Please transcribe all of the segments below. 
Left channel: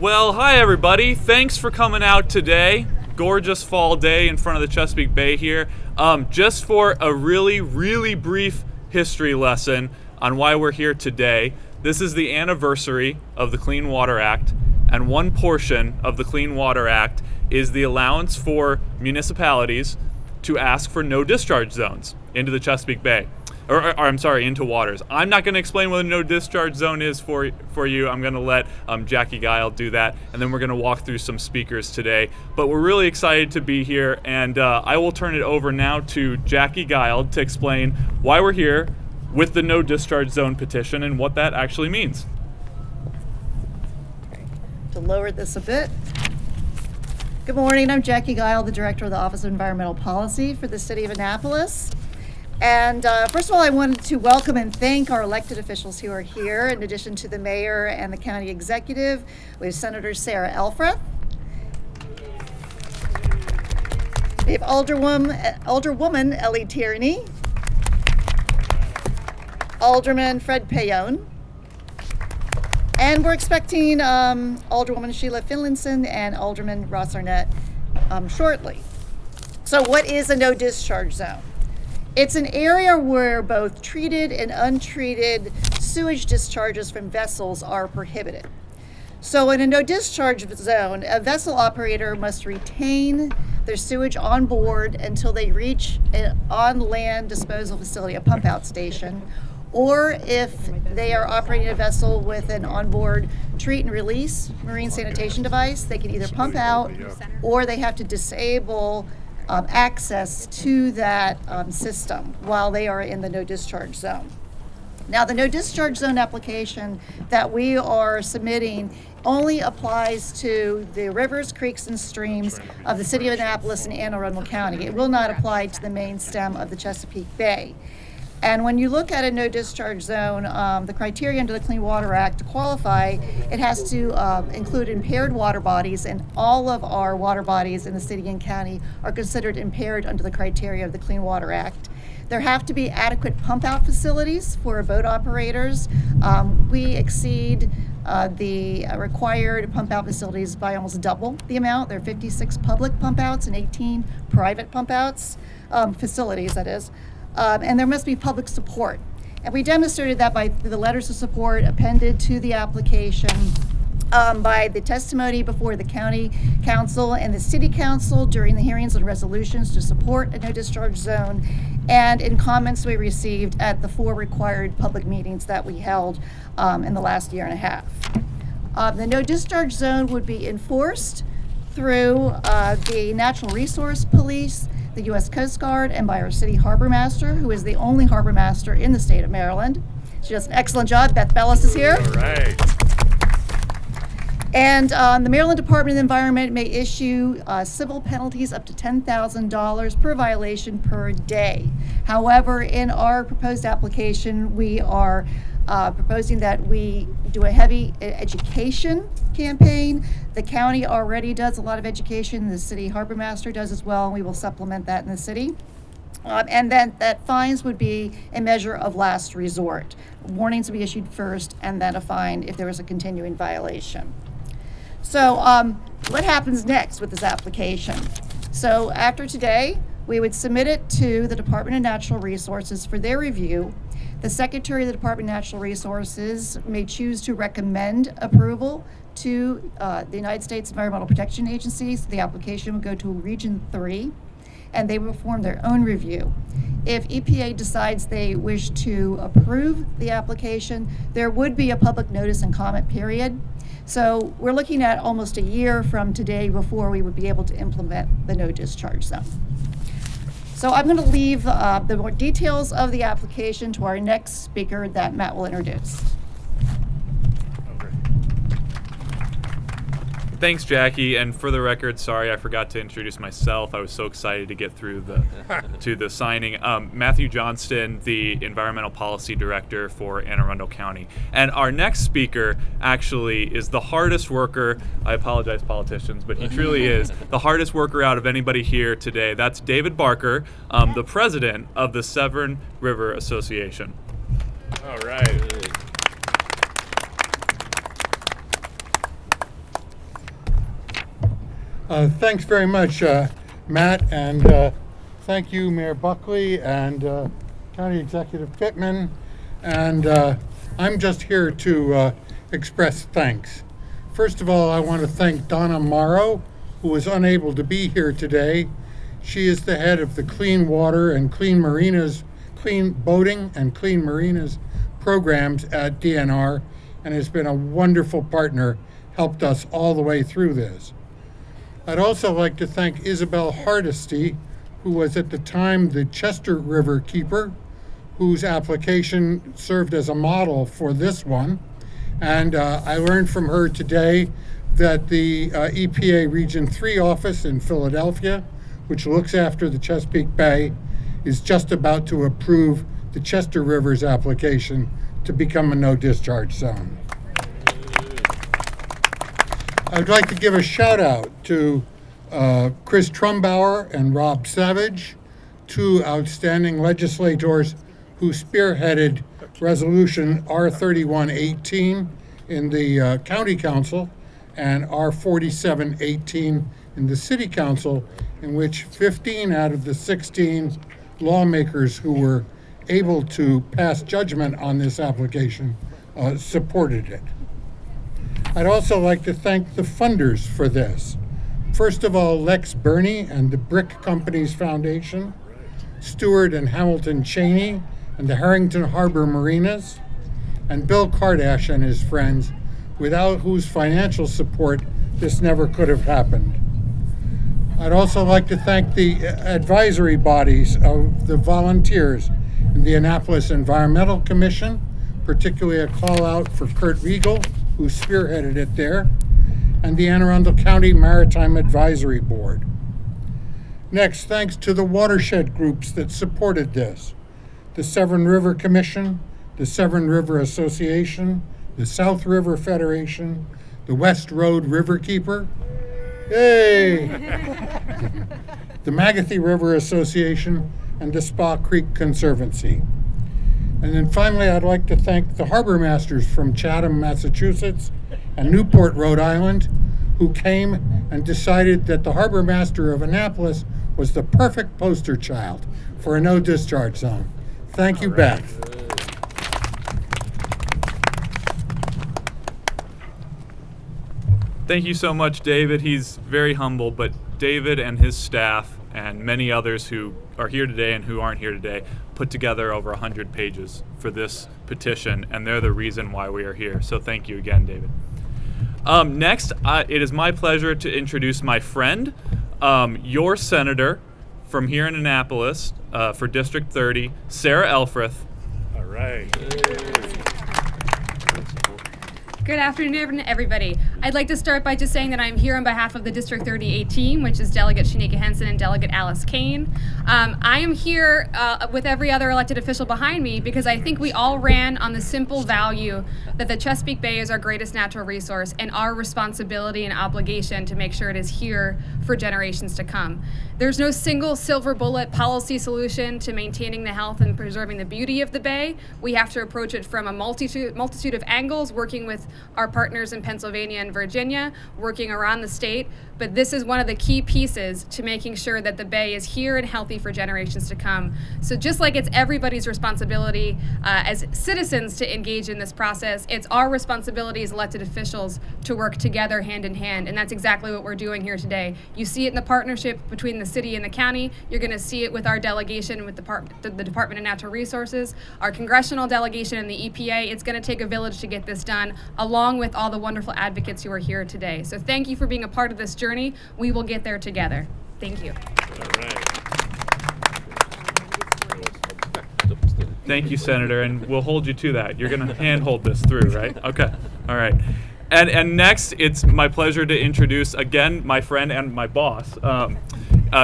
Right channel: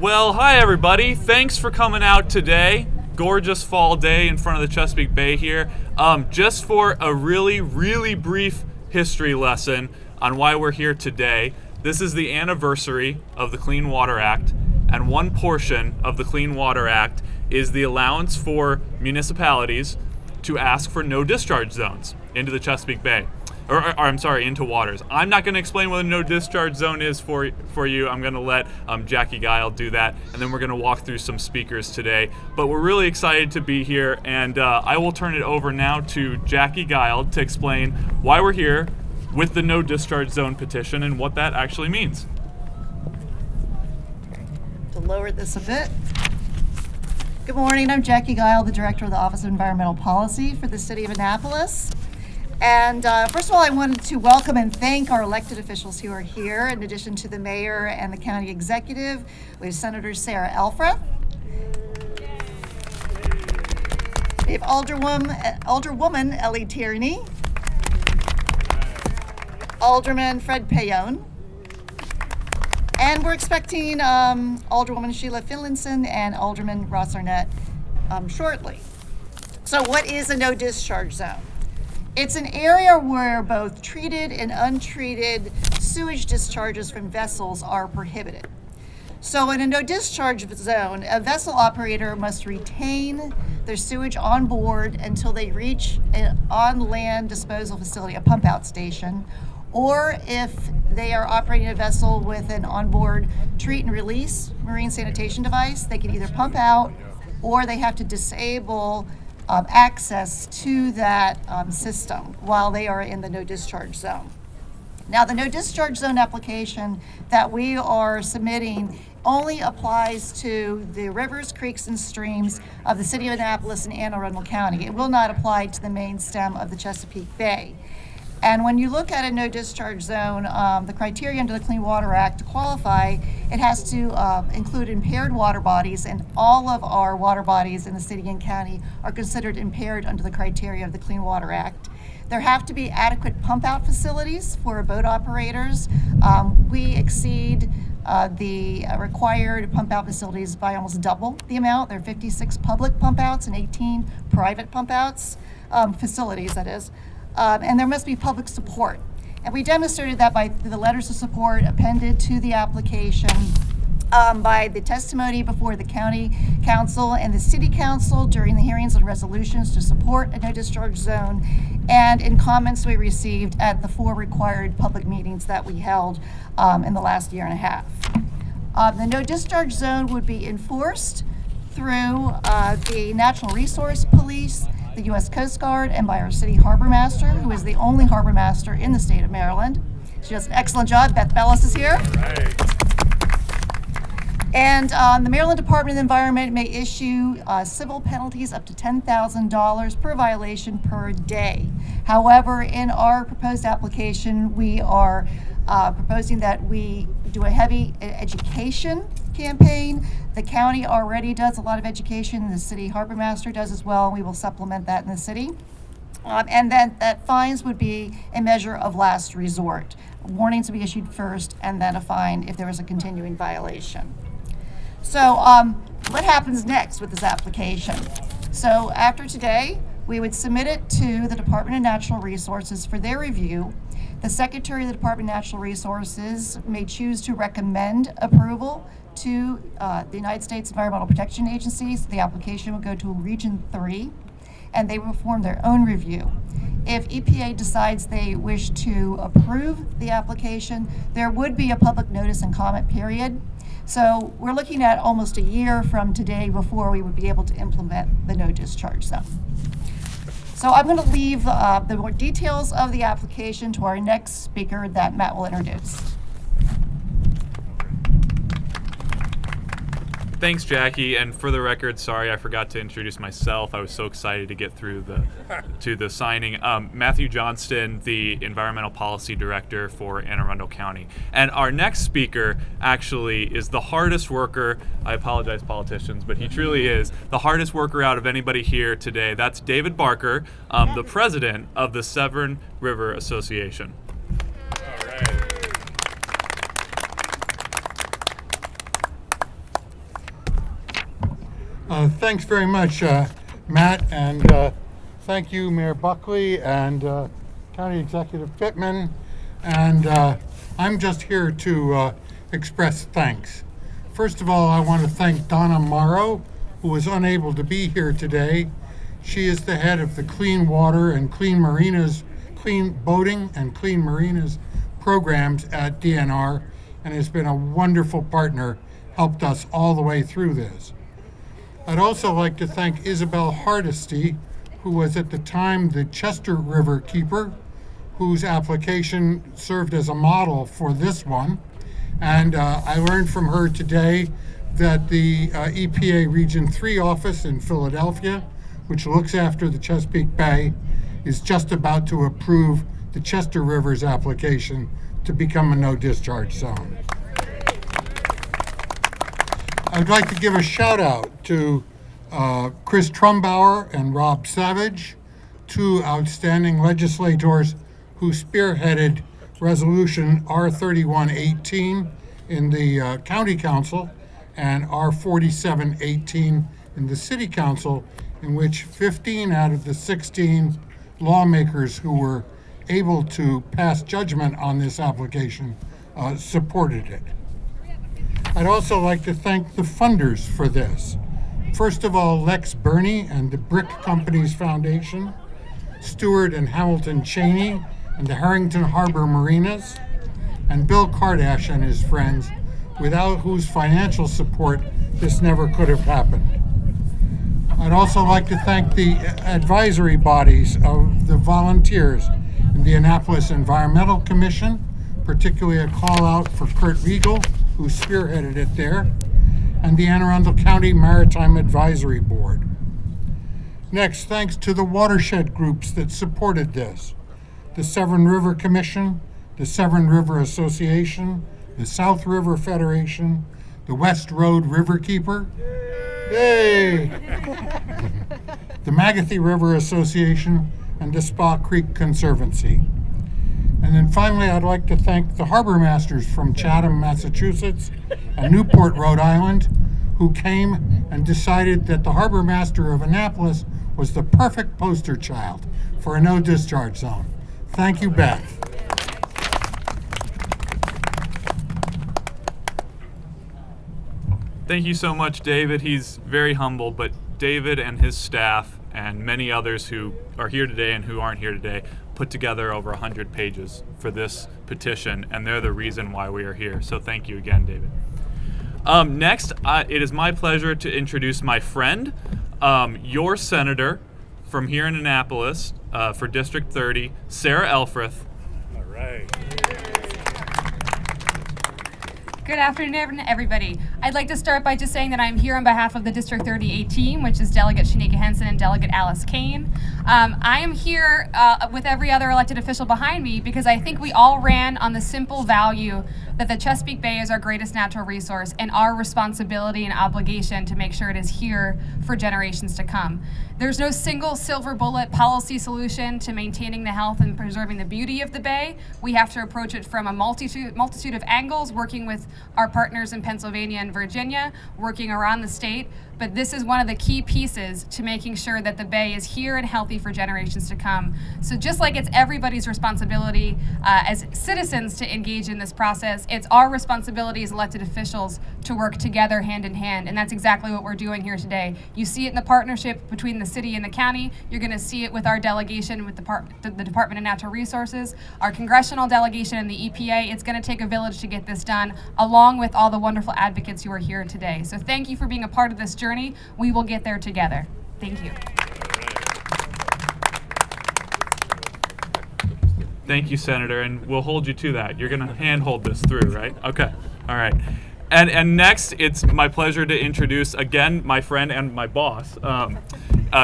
Well, hi everybody. Thanks for coming out today. Gorgeous fall day in front of the Chesapeake Bay here. Just for a really brief history lesson on why we're here today. This is the anniversary of the Clean Water Act, and one portion of the Clean Water Act is the allowance for municipalities to ask for no discharge zones into the Chesapeake Bay. Into waters. I'm not going to explain what a no discharge zone is for you. I'm going to let Jackie Guile do that, and then we're going to walk through some speakers today. But we're really excited to be here, and I will turn it over now to Jackie Guile to explain why we're here with the no discharge zone petition and what that actually means. To lower this a bit. Good morning, I'm Jackie Guile, the Director of the Office of Environmental Policy for the City of Annapolis. And first of all, I wanted to welcome and thank our elected officials who are here. In addition to the mayor and the county executive, we have Senator Sarah Elfreth. We have Alderwoman Ellie Tierney, Alderman Fred Payon, and we're expecting Alderwoman Sheila Finlinson and Alderman Ross Arnett shortly. So what is a no discharge zone? It's an area where both treated and untreated sewage discharges from vessels are prohibited. So in a no discharge zone, a vessel operator must retain their sewage on board until they reach an on-land disposal facility, a pump out station, or if they are operating a vessel with an onboard treat and release marine sanitation device, they can either pump out or they have to disable access to that system while they are in the no discharge zone. Now, the no discharge zone application that we are submitting only applies to the rivers, creeks, and streams of the City of Annapolis and Anne Arundel County. It will not apply to the main stem of the Chesapeake Bay. And when you look at a no discharge zone, the criteria under the Clean Water Act to qualify, it has to include impaired water bodies, and all of our water bodies in the city and county are considered impaired under the criteria of the Clean Water Act. There have to be adequate pump out facilities for boat operators. We exceed the required pump out facilities by almost double the amount. There are 56 public pump outs and 18 private pump outs, facilities that is. And there must be public support. And we demonstrated that by the letters of support appended to the application, by the testimony before the county council and the city council during the hearings and resolutions to support a no discharge zone, and in comments we received at the 4 required public meetings that we held in the last year and a half. The no discharge zone would be enforced through the Natural Resource Police, the U.S. Coast Guard, and by our city harbor master, who is the only harbor master in the state of Maryland. She does an excellent job. Beth Bellis is here. All right. And the Maryland Department of Environment may issue civil penalties up to $10,000 per violation per day. However, in our proposed application, we are proposing that we do a heavy education campaign. The county already does a lot of education. The city harbor master does as well, and we will supplement that in the city. And then that fines would be a measure of last resort. Warnings would be issued first, and then a fine if there is a continuing violation. So what happens next with this application? So after today, we would submit it to the Department of Natural Resources for their review. The Secretary of the Department of Natural Resources may choose to recommend approval to the United States Environmental Protection Agency. So the application would go to Region 3, and they will perform their own review. If EPA decides they wish to approve the application, there would be a public notice and comment period. So we're looking at almost a year from today before we would be able to implement the no discharge zone. So I'm going to leave the more details of the application to our next speaker that Matt will introduce. Thanks, Jackie. And for the record, sorry I forgot to introduce myself. I was so excited to get through the signing. Matthew Johnston, the Environmental Policy Director for Anne Arundel County. And our next speaker actually is the hardest worker. I apologize, politicians, but he truly is the hardest worker out of anybody here today. That's David Barker, the president of the Severn River Association. All right. Thanks very much, Matt, and thank you, Mayor Buckley and County Executive Pittman. And I'm just here to express thanks. First of all, I want to thank Donna Morrow, who was unable to be here today. She is the head of the Clean Water and Clean Boating and Clean Marinas programs at DNR, and has been a wonderful partner, helped us all the way through this. I'd also like to thank Isabel Hardesty, who was at the time the Chester River Keeper, whose application served as a model for this one. And I learned from her today that the EPA Region 3 office in Philadelphia, which looks after the Chesapeake Bay, is just about to approve the Chester River's application to become a no discharge zone. I'd like to give a shout out to Chris Trumbauer and Rob Savage, two outstanding legislators who spearheaded Resolution R3118 in the County Council and R4718 in the City Council, in which 15 out of the 16 lawmakers who were able to pass judgment on this application supported it. I'd also like to thank the funders for this. First of all, Lex Burney and the Brick Companies Foundation, Stewart and Hamilton Cheney and the Harrington Harbor Marinas, and Bill Kardash and his friends, without whose financial support this never could have happened. I'd also like to thank the advisory bodies of the volunteers in the Annapolis Environmental Commission, particularly a call out for Kurt Riegel, who spearheaded it there, and the Anne Arundel County Maritime Advisory Board. Next, thanks to the watershed groups that supported this: the Severn River Commission, the Severn River Association, the South River Federation, the West Road Riverkeeper, yay! The Magathie River Association, and the Spa Creek Conservancy. And then finally, I'd like to thank the harbor masters from Chatham, Massachusetts, and Newport, Rhode Island, who came and decided that the harbor master of Annapolis was the perfect poster child for a no discharge zone. Thank you, Beth. Thank you so much, David. He's very humble, but David and his staff and many others who are here today and who aren't here today put together over 100 pages for this petition, and they're the reason why we are here. So thank you again, David. Next, it is my pleasure to introduce my friend, your senator from here in Annapolis for District 30, Sarah Elfreth. All right. Good afternoon, everybody. I'd like to start by just saying that I'm here on behalf of the District 38 team, which is Delegate Shanika Henson and Delegate Alice Kane. I am here with every other elected official behind me because I think we all ran on the simple value that the Chesapeake Bay is our greatest natural resource and our responsibility and obligation to make sure it is here for generations to come. There's no single silver bullet policy solution to maintaining the health and preserving the beauty of the Bay. We have to approach it from a multitude of angles, working with our partners in Pennsylvania and Virginia, working around the state. But this is one of the key pieces to making sure that the Bay is here and healthy for generations to come. So just like it's everybody's responsibility as citizens to engage in this process, it's our responsibility as elected officials to work together hand in hand. And that's exactly what we're doing here today. You see it in the partnership between the city and the county. You're going to see it with our delegation with the Department of Natural Resources, our congressional delegation, and the EPA. It's going to take a village to get this done, along with all the wonderful advocates who are here today. So thank you for being a part of this journey. We will get there together. Thank you. Thank you, Senator, and we'll hold you to that. You're going to handhold this through, right? Okay. All right. And next, it's my pleasure to introduce, again, my friend and my boss,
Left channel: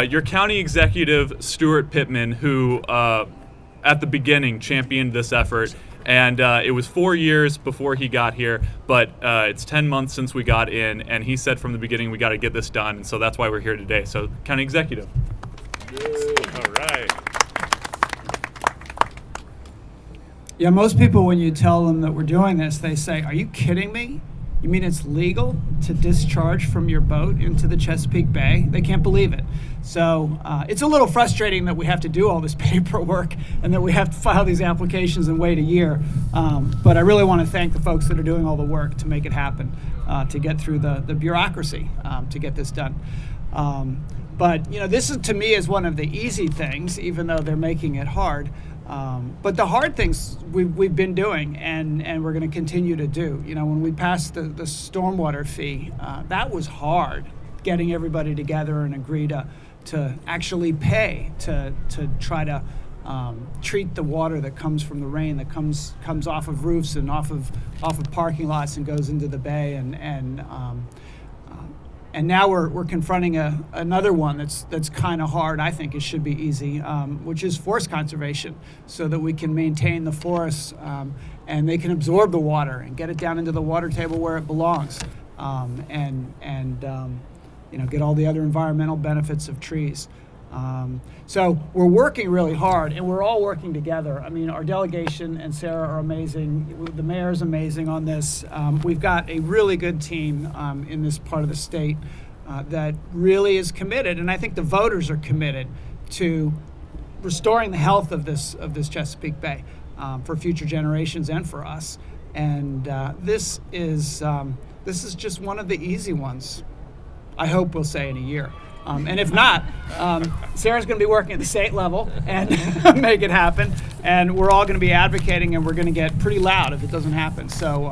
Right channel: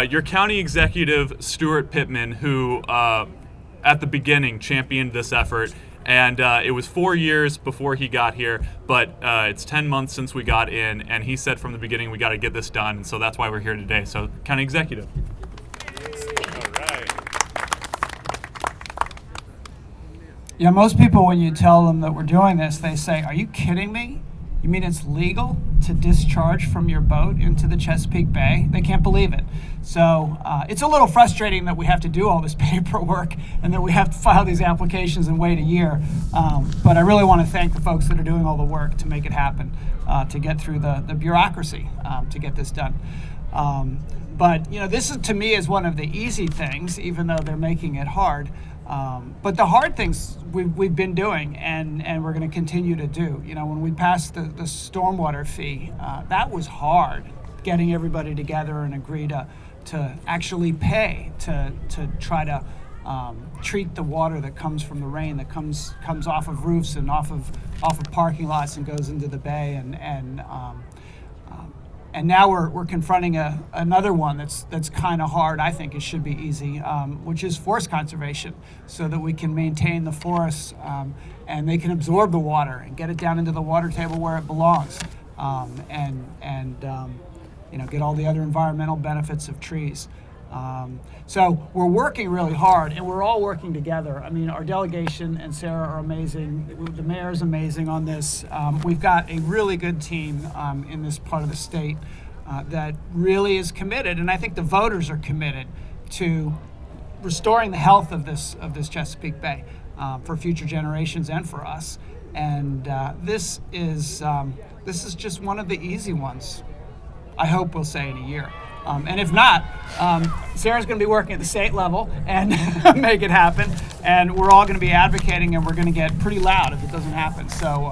your county executive, Stuart Pittman, who at the beginning championed this effort. And it was 4 years before he got here, but it's 10 months since we got in, and he said from the beginning we got to get this done, and so that's why we're here today. So, County Executive. All right. Yeah, most people, when you tell them that we're doing this, they say, "Are you kidding me? You mean it's legal to discharge from your boat into the Chesapeake Bay? They can't believe it. So it's a little frustrating that we have to do all this paperwork and that we have to file these applications and wait a year. But I really want to thank the folks that are doing all the work to make it happen, to get through the bureaucracy to get this done. But this is, to me, is one of the easy things, even though they're making it hard. But the hard things we've been doing and we're going to continue to do. When we passed the stormwater fee, that was hard, getting everybody together and agree to actually pay to try to treat the water that comes from the rain, that comes off of roofs and off of parking lots and goes into the bay. And now we're confronting another one that's kind of hard. I think it should be easy, which is forest conservation, so that we can maintain the forests and they can absorb the water and get it down into the water table where it belongs, and get all the other environmental benefits of trees. So we're working really hard, and we're all working together. I mean, our delegation and Sarah are amazing. The mayor is amazing on this. We've got a really good team in this part of the state that really is committed, and I think the voters are committed to restoring the health of this Chesapeake Bay for future generations and for us. And this is just one of the easy ones. I hope we'll say in a year. And if not, Sarah's going to be working at the state level and make it happen. And we're all going to be advocating, and we're going to get pretty loud if it doesn't happen. So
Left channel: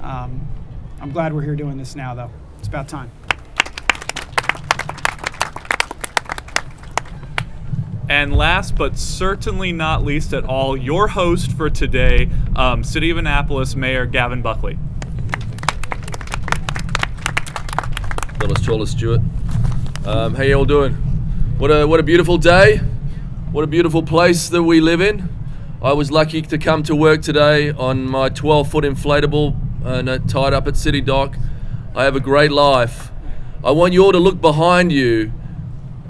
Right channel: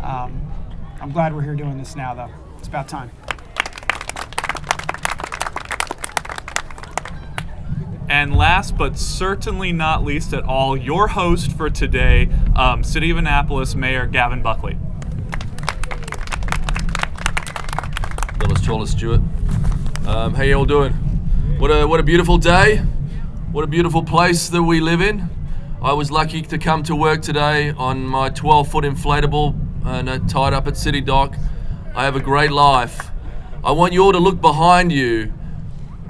I'm glad we're here doing this now, though. It's about time. And last but certainly not least at all, your host for today, City of Annapolis Mayor Gavin Buckley. Phyllis Trawler Stewart. How you all doing? What a beautiful day. What a beautiful place that we live in. I was lucky to come to work today on my 12-foot inflatable tied up at City Dock. I have a great life. I want you all to look behind you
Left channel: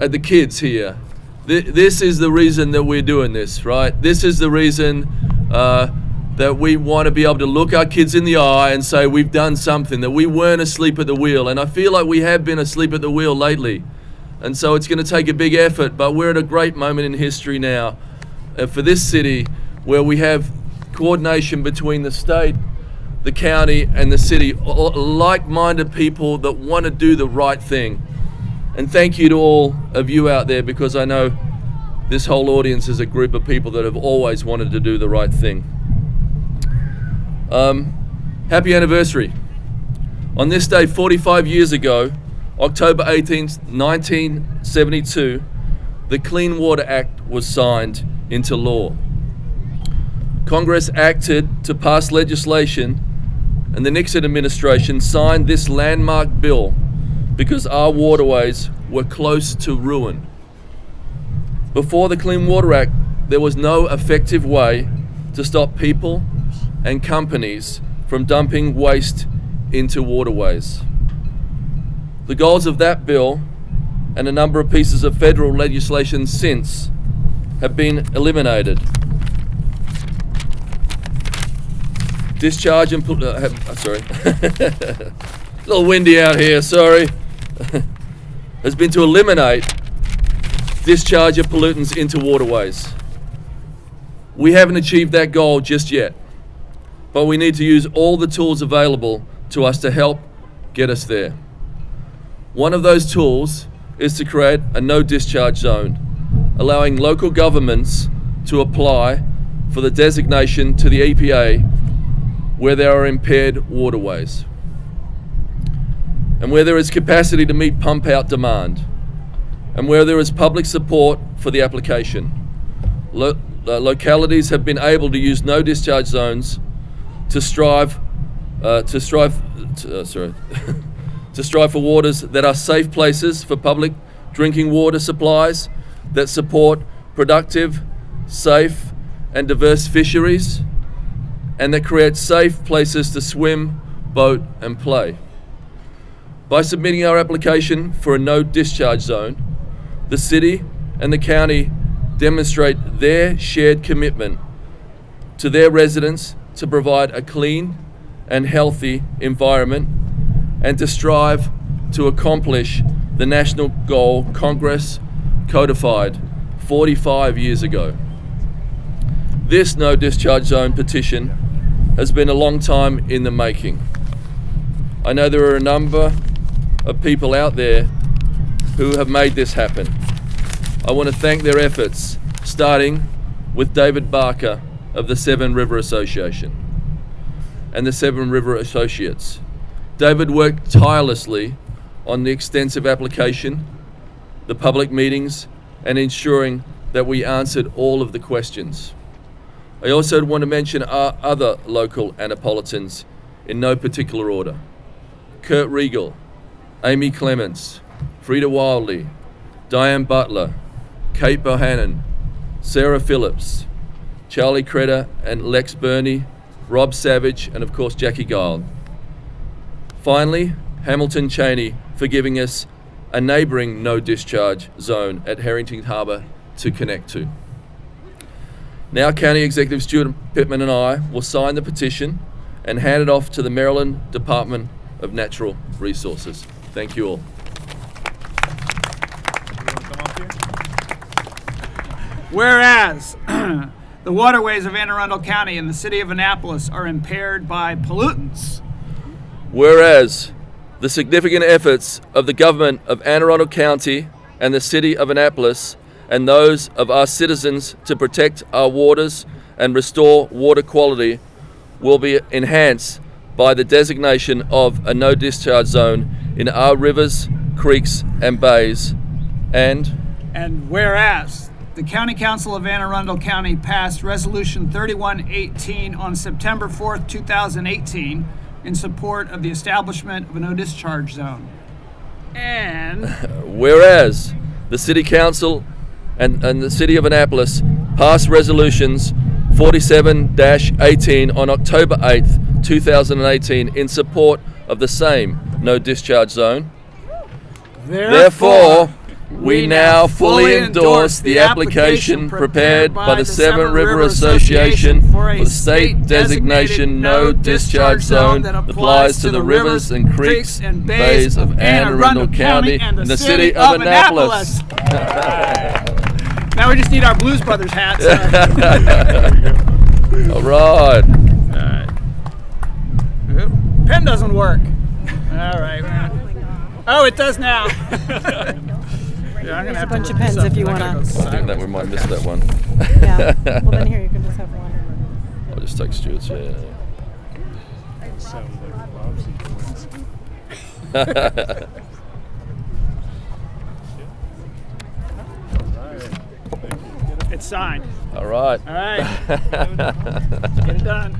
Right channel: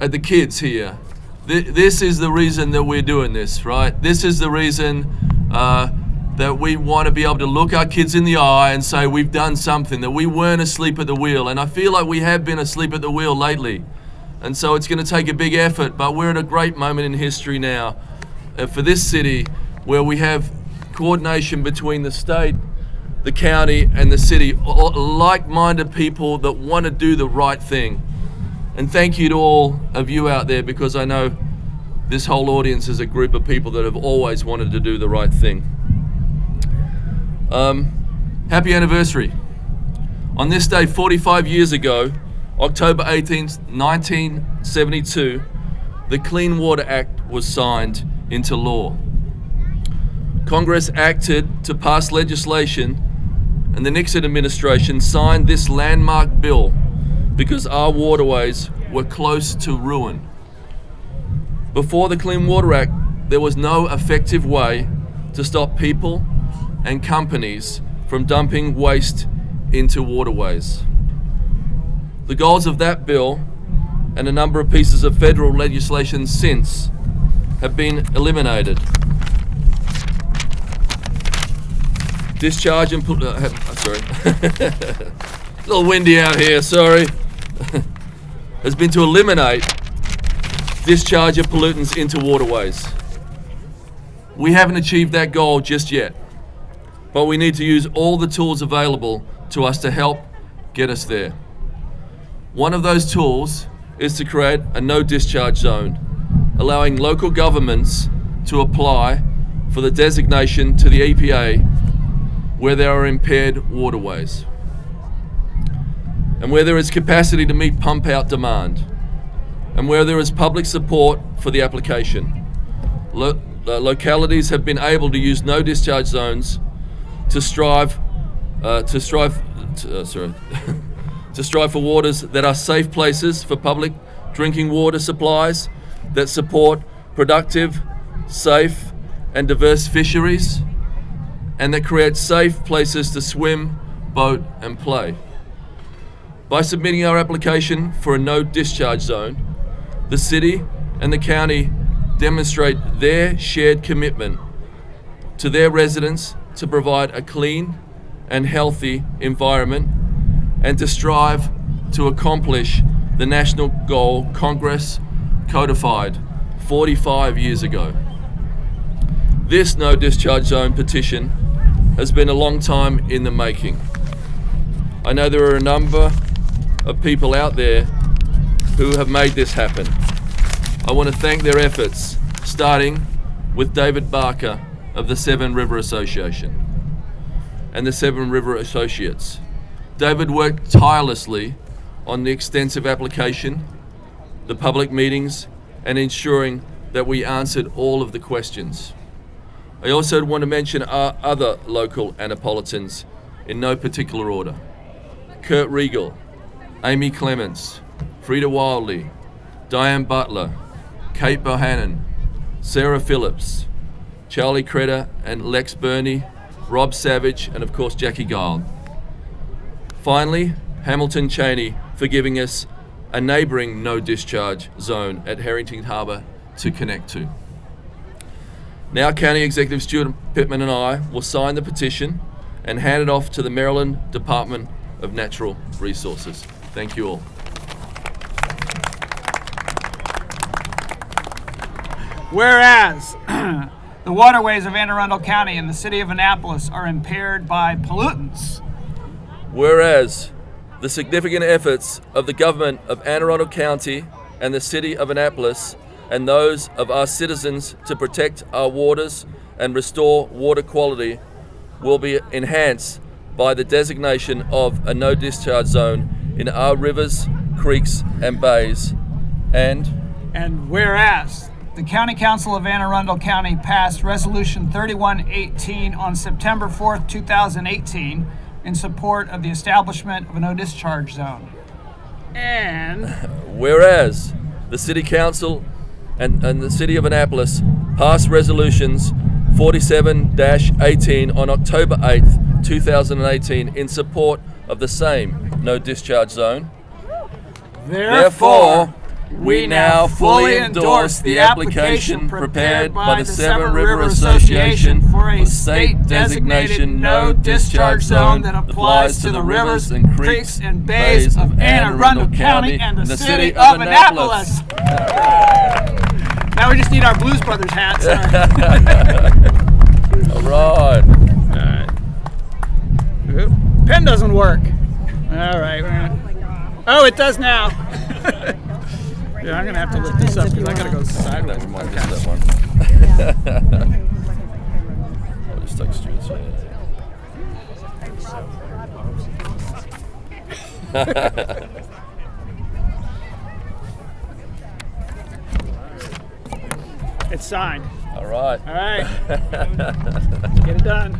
at the kids here. This is the reason that we're doing this, right? This is the reason that we want to be able to look our kids in the eye and say we've done something, that we weren't asleep at the wheel. And I feel like we have been asleep at the wheel lately. And so it's going to take a big effort, but we're at a great moment in history now for this city, where we have coordination between the state, the county, and the city, like-minded people that want to do the right thing. And thank you to all of you out there, because I know this whole audience is a group of people that have always wanted to do the right thing. Happy anniversary. On this day 45 years ago, October 18th, 1972, the Clean Water Act was signed into law. Congress acted to pass legislation, and the Nixon administration signed this landmark bill because our waterways were close to ruin. Before the Clean Water Act, there was no effective way to stop people and companies from dumping waste into waterways. The goals of that bill and a number of pieces of federal legislation since have been eliminated. Discharge and sorry, a little windy out here, sorry. Has been to eliminate discharge of pollutants into waterways. We haven't achieved that goal just yet, but we need to use all the tools available to us to help get us there. One of those tools is to create a no discharge zone, allowing local governments to apply for the designation to the EPA where there are impaired waterways and where there is capacity to meet pump out demand and where there is public support for the application. Localities have been able to use no discharge zones to strive for waters that are safe places for public drinking water supplies, that support productive, safe, and diverse fisheries, and that create safe places to swim, boat, and play. By submitting our application for a no discharge zone, the city and the county demonstrate their shared commitment to their residents to provide a clean and healthy environment, and to strive to accomplish the national goal Congress codified 45 years ago. This no discharge zone petition has been a long time in the making. I know there are a number of people out there who have made this happen. I want to thank their efforts, starting with David Barker of the Seven River Association and the Seven River Associates. David worked tirelessly on the extensive application, the public meetings, and ensuring that we answered all of the questions. I also want to mention our other local Annapolitans in no particular order. Kurt Regal, Amy Clements, Frida Wildley, Diane Butler, Kate Bohannon, Sarah Phillips, Charlie Credder and Lex Burney, Rob Savage, and of course Jackie Gild. Finally, Hamilton Cheney for giving us a neighbouring no discharge zone at Harrington Harbour to connect to. Now County Executive Stuart Pittman and I will sign the petition and hand it off to the Maryland Department of Natural Resources. Thank you all. Whereas the waterways of Anne Arundel County and the city of Annapolis are impaired by pollutants. Whereas the significant efforts of the government of Anne Arundel County and the city of Annapolis and those of our citizens to protect our waters and restore water quality will be enhanced by the designation of a no discharge zone in our rivers, creeks, and bays. And whereas the County Council of Anne Arundel County passed Resolution 3118 on September 4th, 2018 in support of the establishment of a no discharge zone. And whereas the City Council and the City of Annapolis passed Resolutions 47-18 on October 8th, 2018 in support of the same no discharge zone. Therefore, we now fully endorse the application prepared by the Seven River Association for the state designation no discharge zone that applies to the rivers and creeks and bays of Anne Arundel County and the city of Annapolis. Now we just need our Blues Brothers hats. All right. Pen doesn't work. All right. Oh, it does now. Yeah, I'm gonna have to look this up because I gotta go I think sideways. that we might miss that one. Yeah. Well, then here you can just have one. I'll just take Stuart's here. It's signed. All right. All right. Get it done.